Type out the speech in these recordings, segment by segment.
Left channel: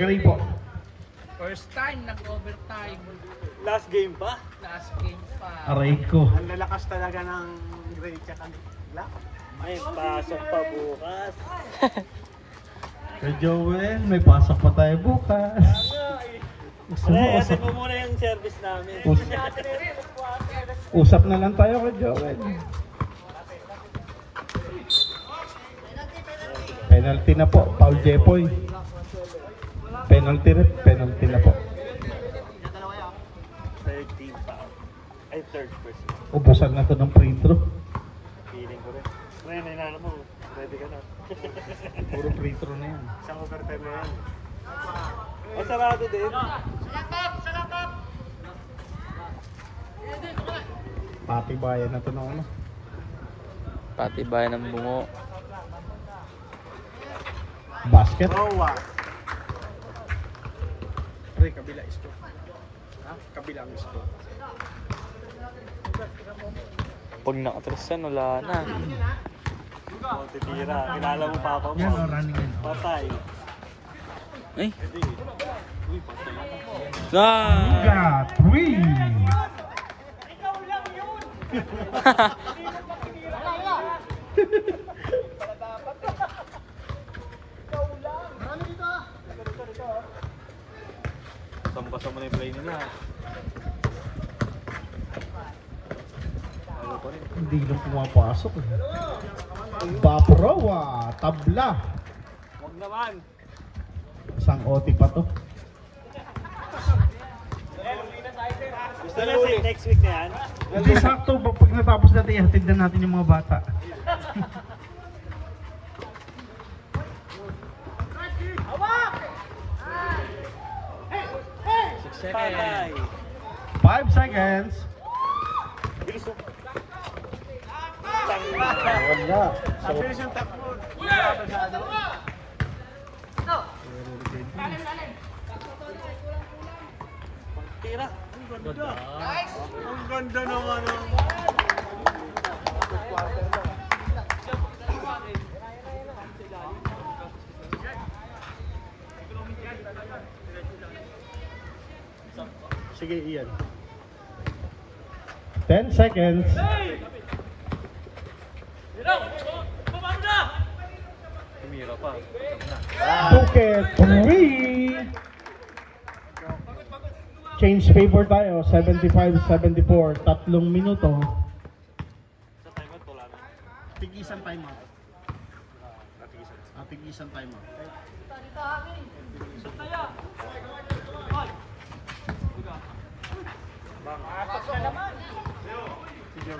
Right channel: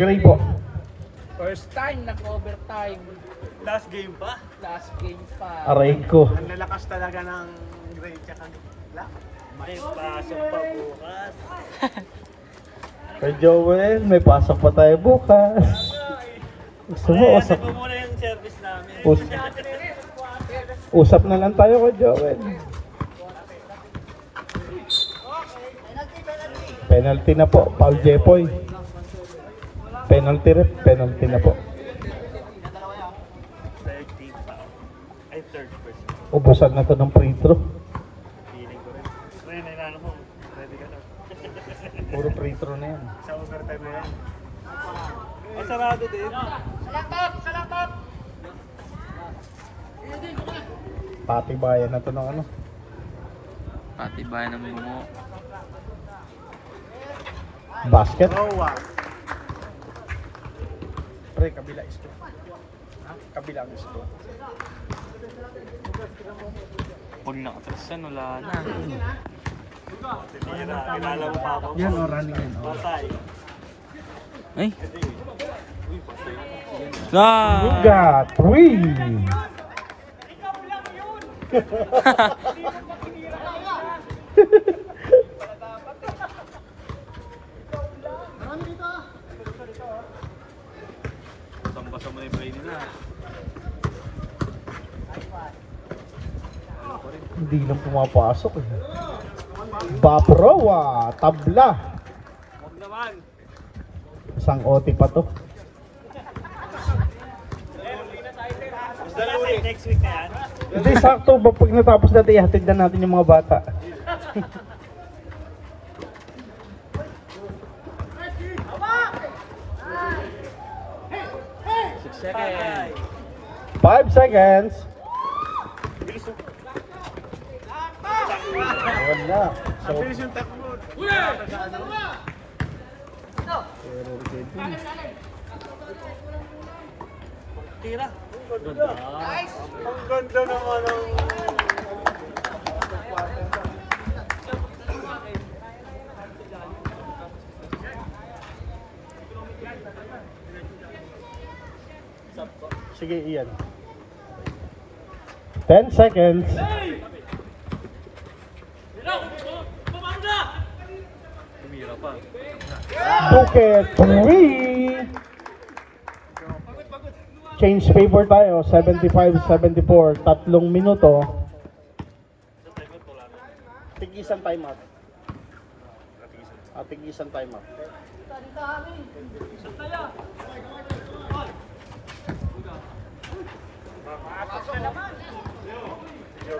Gray po. First time nag-overtime. Last game pa? Last game pa. Aray ko. Nalakas talaga ng range ka. May pasok pa bukas. Kay Joel, may pasok pa tayo bukas. Gusto mo, Ay, usap. mo muna yung service namin. Usap na lang tayo kay Joel. Penalty na po, Paul Jepoy. Penalty rin, penalty na po. Ay, third person. Ubusan na to ng free throw. Feeling ko rin. Hindi na ano. Pwede ka na. Puro free throw na yan. Sa overtime na. Ay, sarado din. Pati bayan na to ng ano. Pati bayan ng bungo. Basket. Pre, kabila isko. Kabilang isko. Pag nakatras yan, wala na. O, tinira. Kilala mo papa mo. Yan o, running yan. Patay. Ay! Hindi. Na! Buga, 3! Sambasa mo na yung play nila. Hindi na pumapasok eh. Baprowa, tabla. Huwag naman. Isang OT pa to. Gusto na ulit. Next week na yan. Hindi, sakto ba pag natapos natin, ihatid na natin yung mga bata. Patay. 5 seconds. Wala. So, Bilis yung takbo. Tira. Ang ganda. Ang ganda naman ang... sige, iyan. 10 seconds. Umira pa. Phuket 3. Change favor tayo. 75-74. 3 minuto. Tigisan timeout. Tigisan timeout.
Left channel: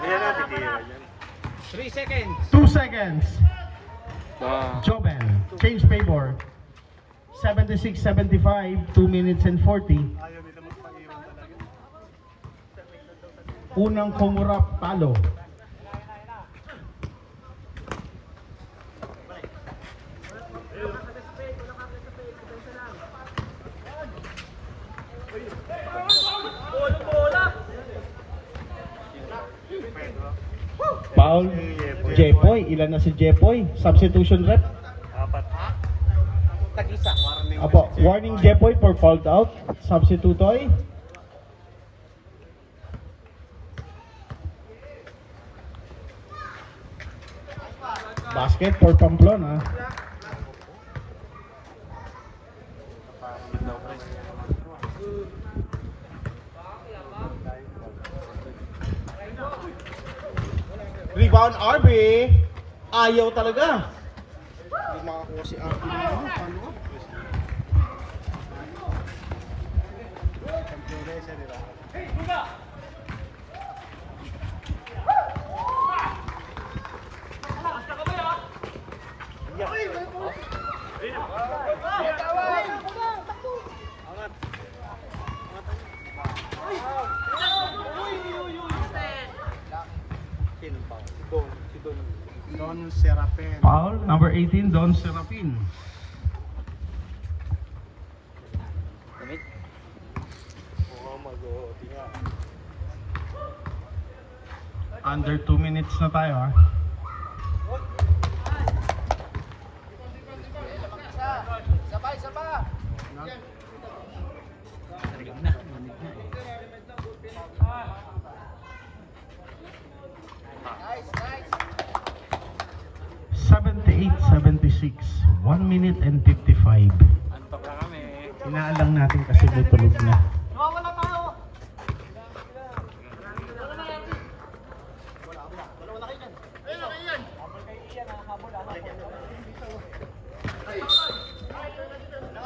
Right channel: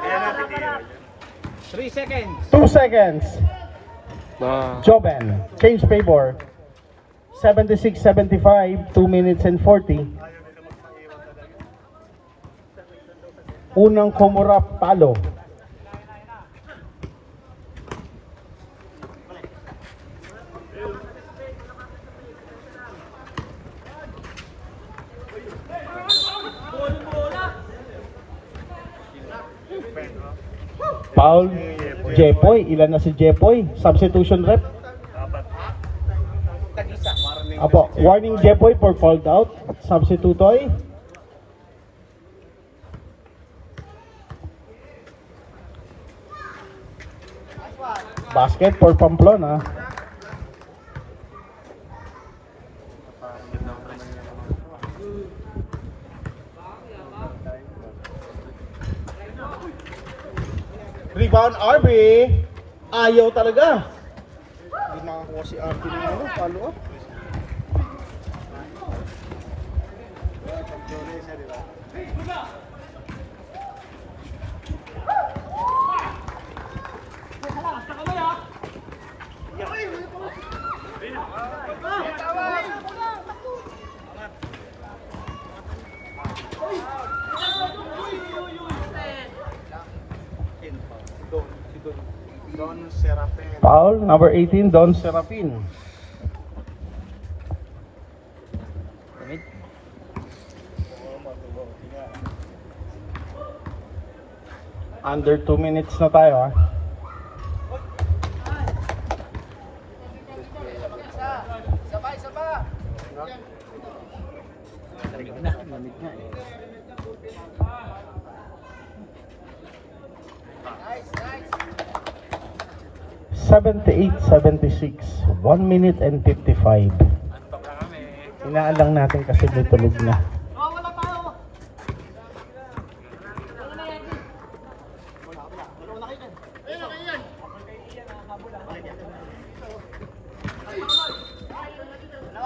Yan na, tigilan yan. 2 seconds. Ba. Joben. Change favor. 76-75. 2 minutes and 40. Unang kumurap, palo. Foul. Jepoy. Ilan na si Jepoy? Substitution rep. Apo. Warning Jepoy for fouled out. Substitutoy. Basket for Pamplona. Rebound RB. Ayaw talaga. Hindi makakuha si RB. Follow up. Don Serapin. Foul number 18, Don Serapin. Damit. Under 2 minutes na tayo ha. (78-76), 1 minute and 55. Inaalang natin kasi tutulog na.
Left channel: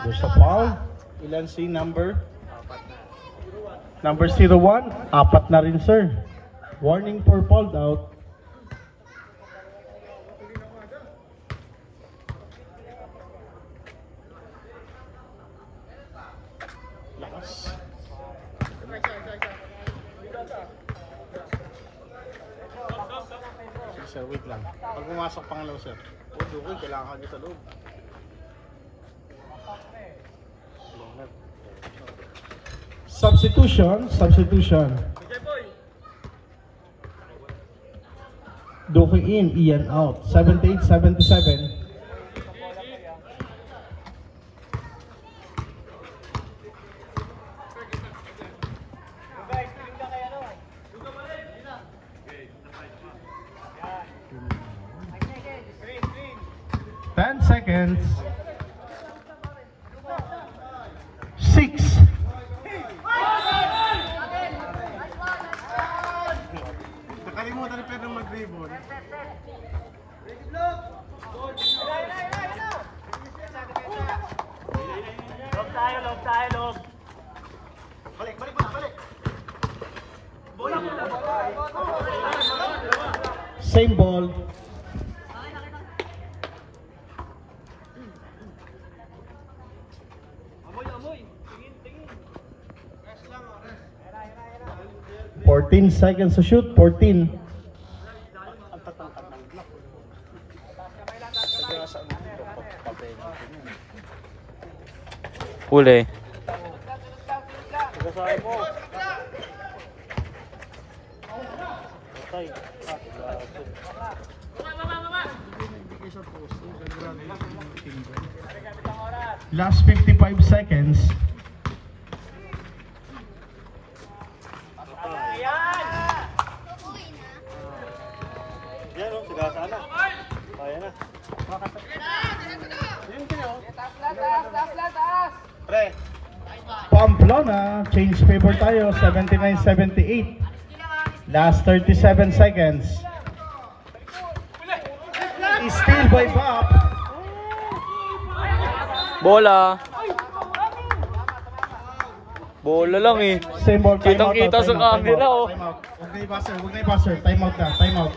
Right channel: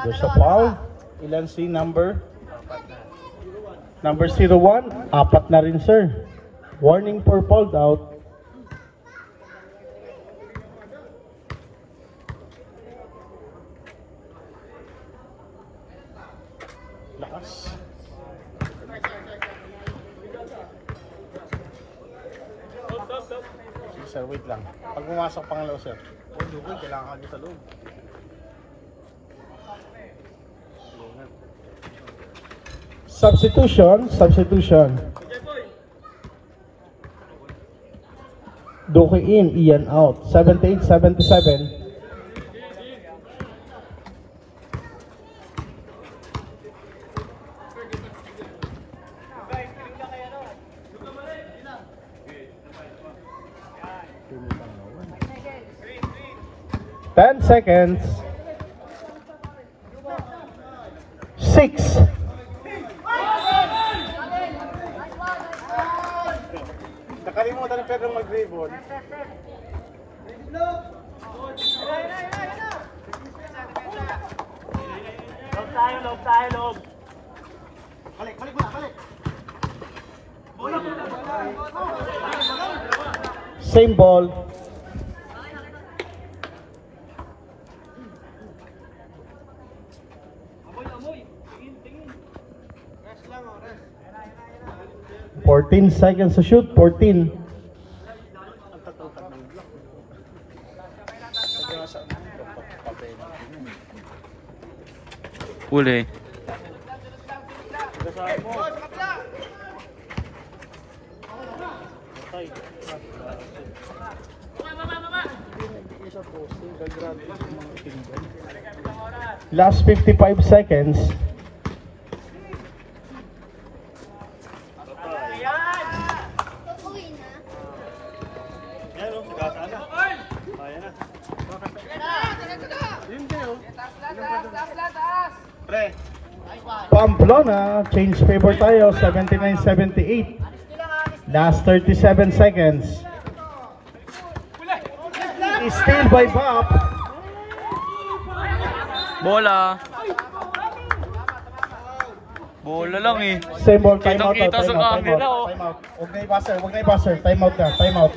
There's a foul. Ilan si number? Number 01. Apat na rin, sir. Warning for fouled out. Sir, wait lang. Pag pumasok pangalaw, sir. Okay, kailangan ka sa loob. Substitution. Duque in, Ian out. 78-77. Ten seconds. 6. Nakalimutan na Pedro mag-ribbon. Loob tayo. Balik. Same ball. Tingin. 14 seconds to shoot. 14. Huli. Last 55 seconds. Pamplona, change favor tayo, 79-78. Last 37 seconds. Steal by Bob. Bola. Bola lang eh. Same ball, time out. Kitang-kita sa camera, oh. Okay, buzzer. Huwag na i-buzzer. Time out na. Time out.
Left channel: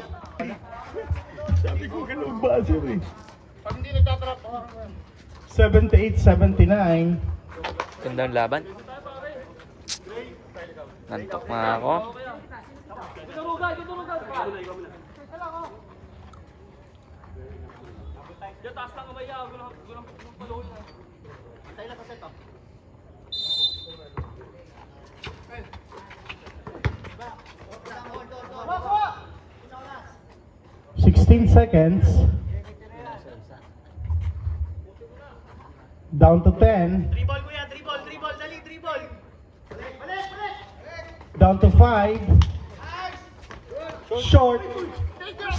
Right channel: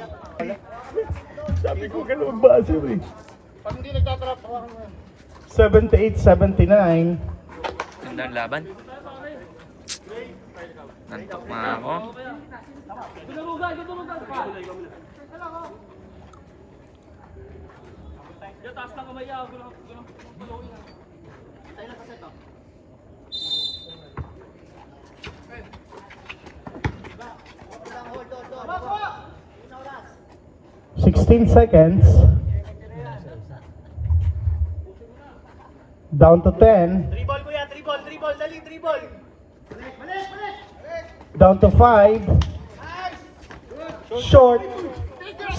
Sabi ko ganun buzzer eh. 78-79. Gandang laban. Nantok na ako. Diyan, taas lang kamay niya. Walang paluhin yan. Antay na kasi ito. 16 seconds. Down to 10. Dribble kuya, dribble, dali, dribble. Down to 5. Short.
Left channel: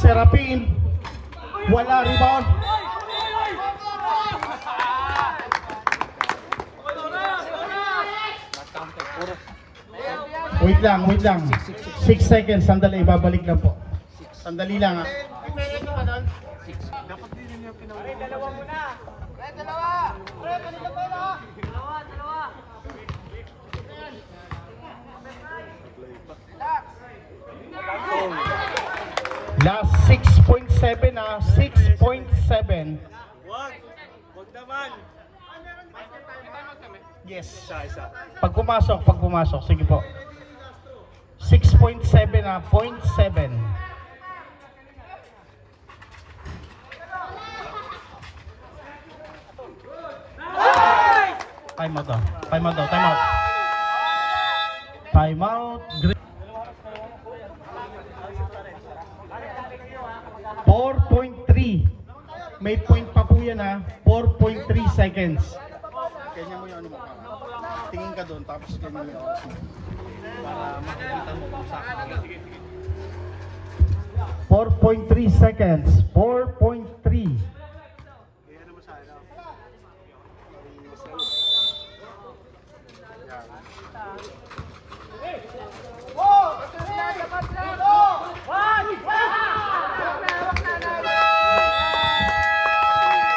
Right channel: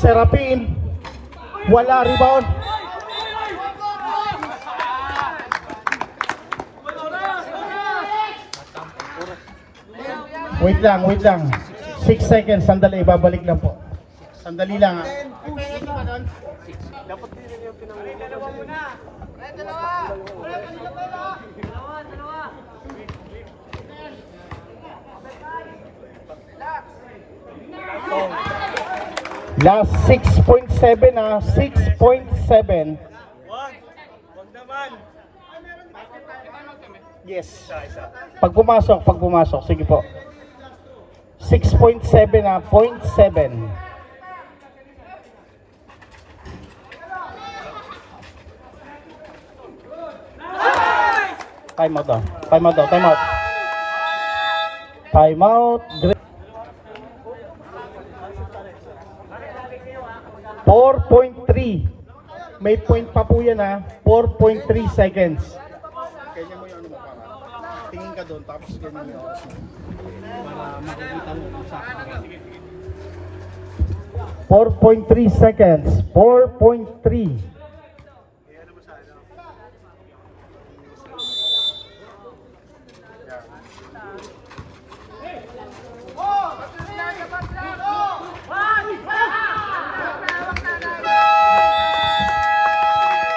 Serapin. Wala, rebound. Wait lang. 6 seconds, sandali, babalik lang po. Sandali lang. Dapat din yung pinangunan. Last 6.7 ah, 6.7. Wag naman. Yes. Pag pumasok, sige po. 6.7 ah, 0.7. Time out. 4.3. May point pa po yan ha. 4.3 seconds. Ganyan mo yung ano mo. Tingin ka doon, tapos ganyan yung oras mo. Para makikita mo kung saan. 4.3 seconds. 4.3.